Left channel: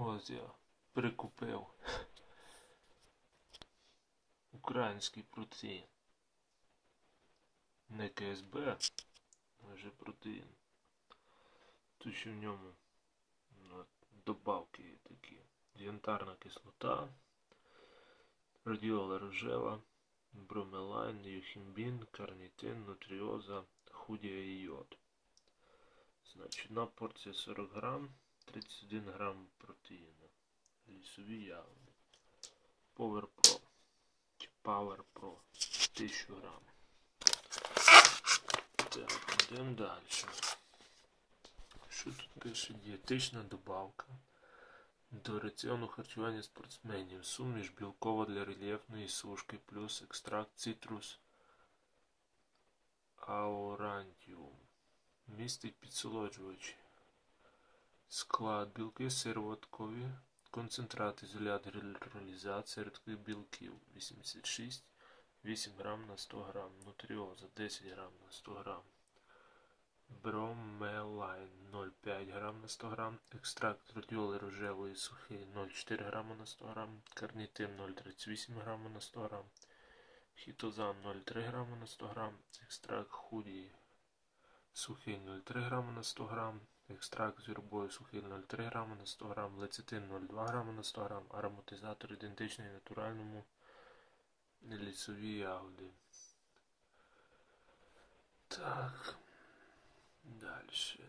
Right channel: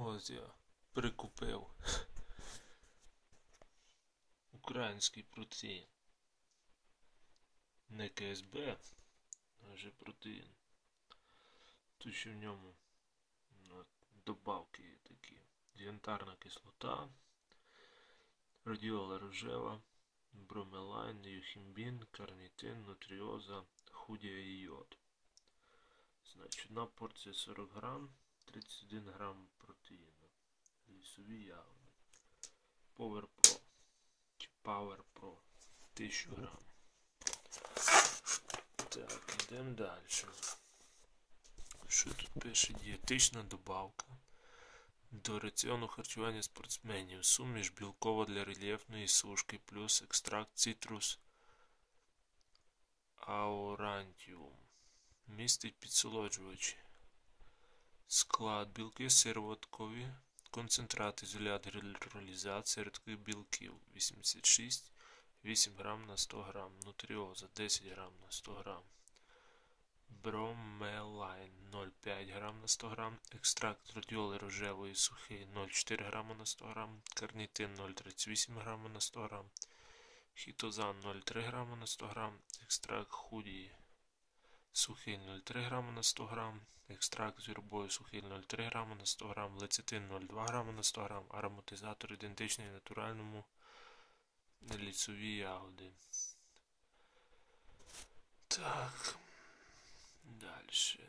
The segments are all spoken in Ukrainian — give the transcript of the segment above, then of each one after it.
Ось я прикупив український протеїн. Не КСБ, а вже протеїн. Тут ще в ньому ну, добавки є такі. Янтарна кислота, радіола рожева, бромелайн, юхімбін, карнітин, нутріоза, худія і йод. Значить, одна порція 40 грам, 31 грам протеїну. Лісові ягоди. Power Pro. Чи Power Pro. 1000 грам. Так, йдемо далі. Що тут пише? Дієтична добавка. До раціону харчування спортсменів. Суміш білкова для рельєфної сушки плюс екстракт цитрус аурантіум. Містить підсолоджувачі. Склад білки сироваткові. Концентрат ізолят гідролізація рідких білків 86 8 грам на 100 грам. Нутріоза 10 грам на 100 грам. Бромелайн 0,5 грам на 100 грам. Екстракт радіоли рожевої сухий 0,4 грама на 100 грам. Карнітин 0,38 грама на 100 грам. Хітозан 0,3 грама на 100 грам. Екстракт худії сухий 0,3 грама на 100 грам. Екстракт з юрбою сухий 0,3 грама на 100 грам. Лецитин 0,2 грама на 100 грам. Ароматизатор ідентичний натуральному лісові ягоди. Так. Далі.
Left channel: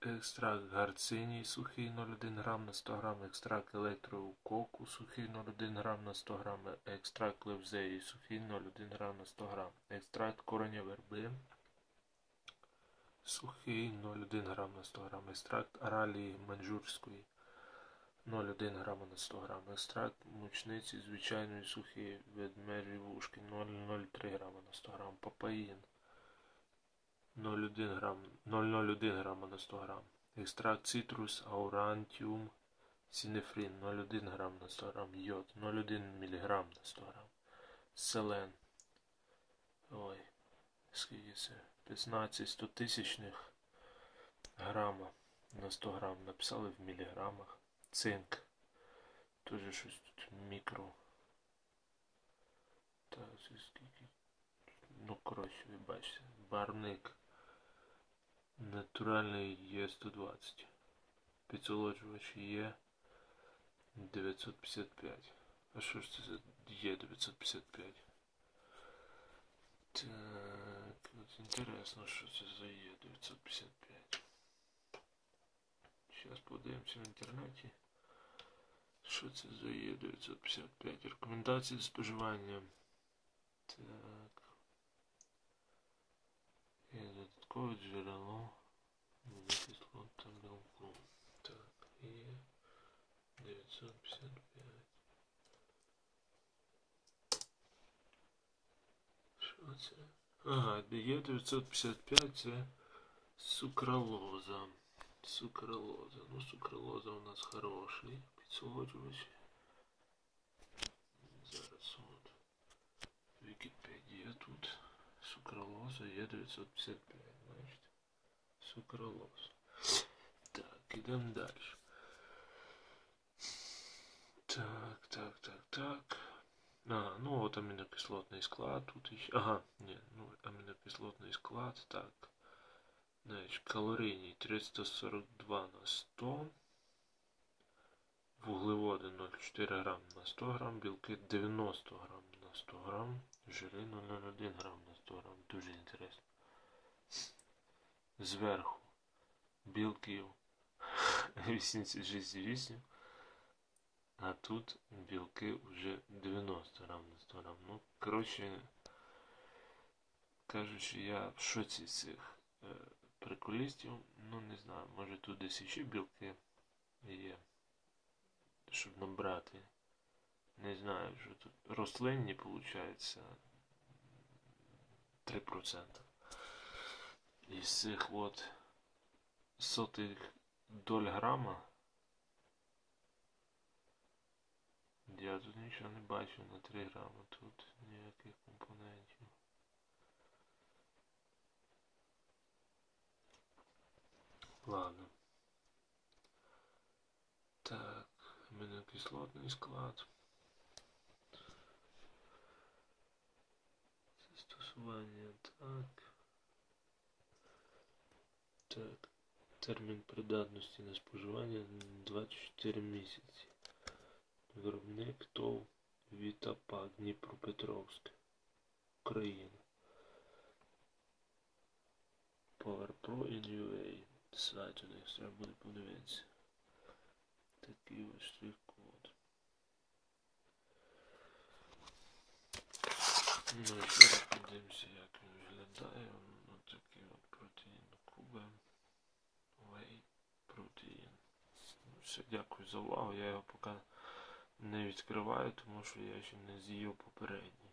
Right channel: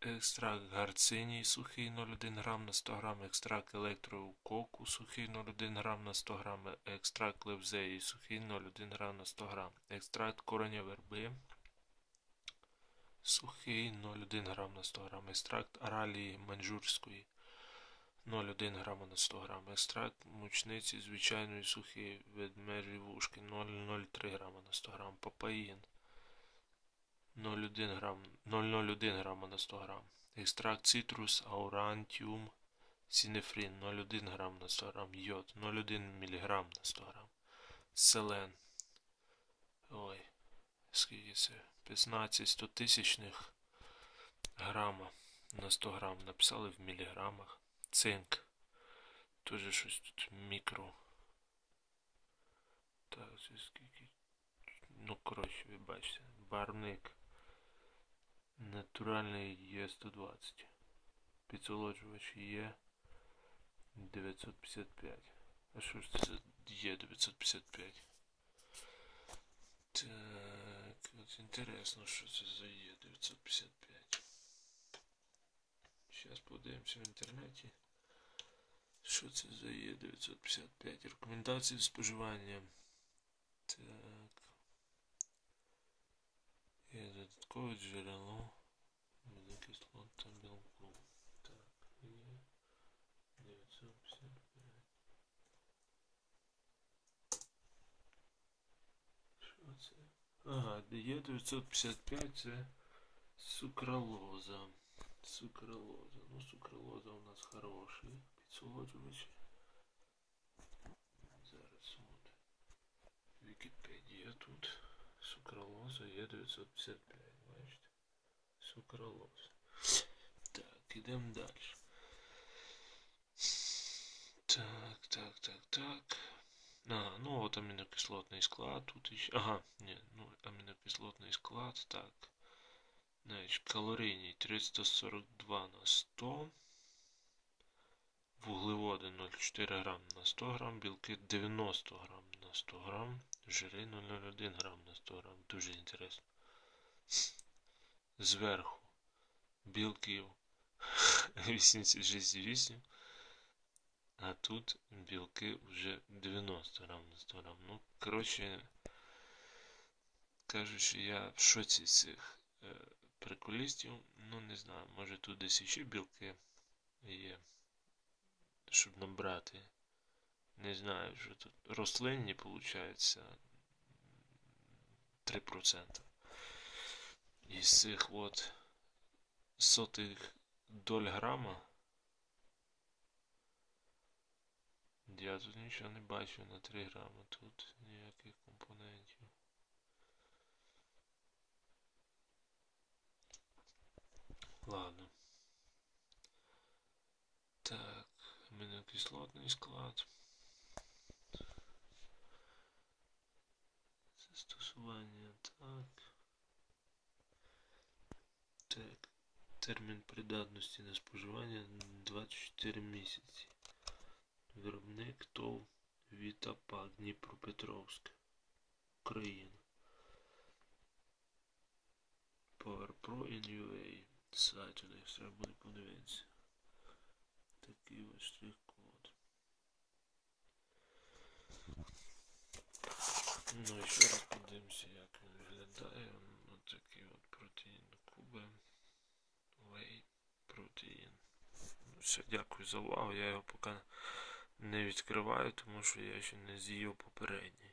Екстракт гарциній сухий 0,1 грам на 100 грам, екстракт електрококу сухий 0,1 грам на 100 грам, екстракт левзеї сухий 0,1 грам на 100 грам, екстракт кореня верби сухий 0,1 грам на 100 грам, екстракт аралії манжурської 0,1 грам на 100 грам, екстракт мучниці звичайної сухої ведмежі вушки 0,03 грама на 100 грам, папаїн 0,1 грам, 0,01 грама на 100 грам. Екстракт цитрус аурантіум синефрин 0,1 грам на 100 грам. Йод 0,1 мг на 100 грам. Селен. Ой, скільки це? 15 100 тисячних грама на 100 грам. Написали в міліграмах. Цинк. Тоже щось тут мікро. Так, це скільки. Ну, коротше, ви бачите. Барник. Натуральний є 120. Підсолоджувач є 955. А що ж це є 955? Так, інтересно, що це за є 955. Зараз подивимося в інтернеті. Що це за є 955? Рекомендації споживання. Так. Є додаткове джерело кислот та білку. Так, є 955. Що це? Ага, є 955 це сукралоза. Сукралоза. Ну, сукралоза у нас хороший підсолоджувач. Зараз от. Вікіпедія тут. Сукралоза є 955, бачите? Сукралоза. Так, ідемо далі. Так, так, так, так. Ага, ну от амінокислотний склад тут іще. Ага, ні, ну амінокислотний склад, так. Значить, калорійний 342 на 100. Вуглеводи 0,4 грам на 100 грам, білки 90 грам на 100 грам, жири 0,01 грам на 100 грам. Дуже інтересно. Зверху білків 86,8, а тут білки вже 90 грам на 100 грам. Ну, коротше, кажучи, я в шоці цих е, приколістів, ну не знаю, може тут десь ще білки є, щоб набрати. Не знаю, що тут рослинні, виходить, 3%. Із цих от сотих доль грама. Я тут нічого не бачу на 3 грама, тут ніяких компонентів. Ладно. Так, кислотний склад. Застосування так. Так. Термін придатності на споживання 24 місяці. Виробник ТОВ Вітапак Дніпропетровськ. Україна. Power Pro in UA. Сайт у них треба буде подивитися. Такий ось штрих-код. Ну і ще раз подивимося, як він виглядає. Ось такий от протеїн куби. Whey протеїн. Ну, все, дякую за увагу. Я його поки не відкриваю, тому що я ще не з'їв попереднє.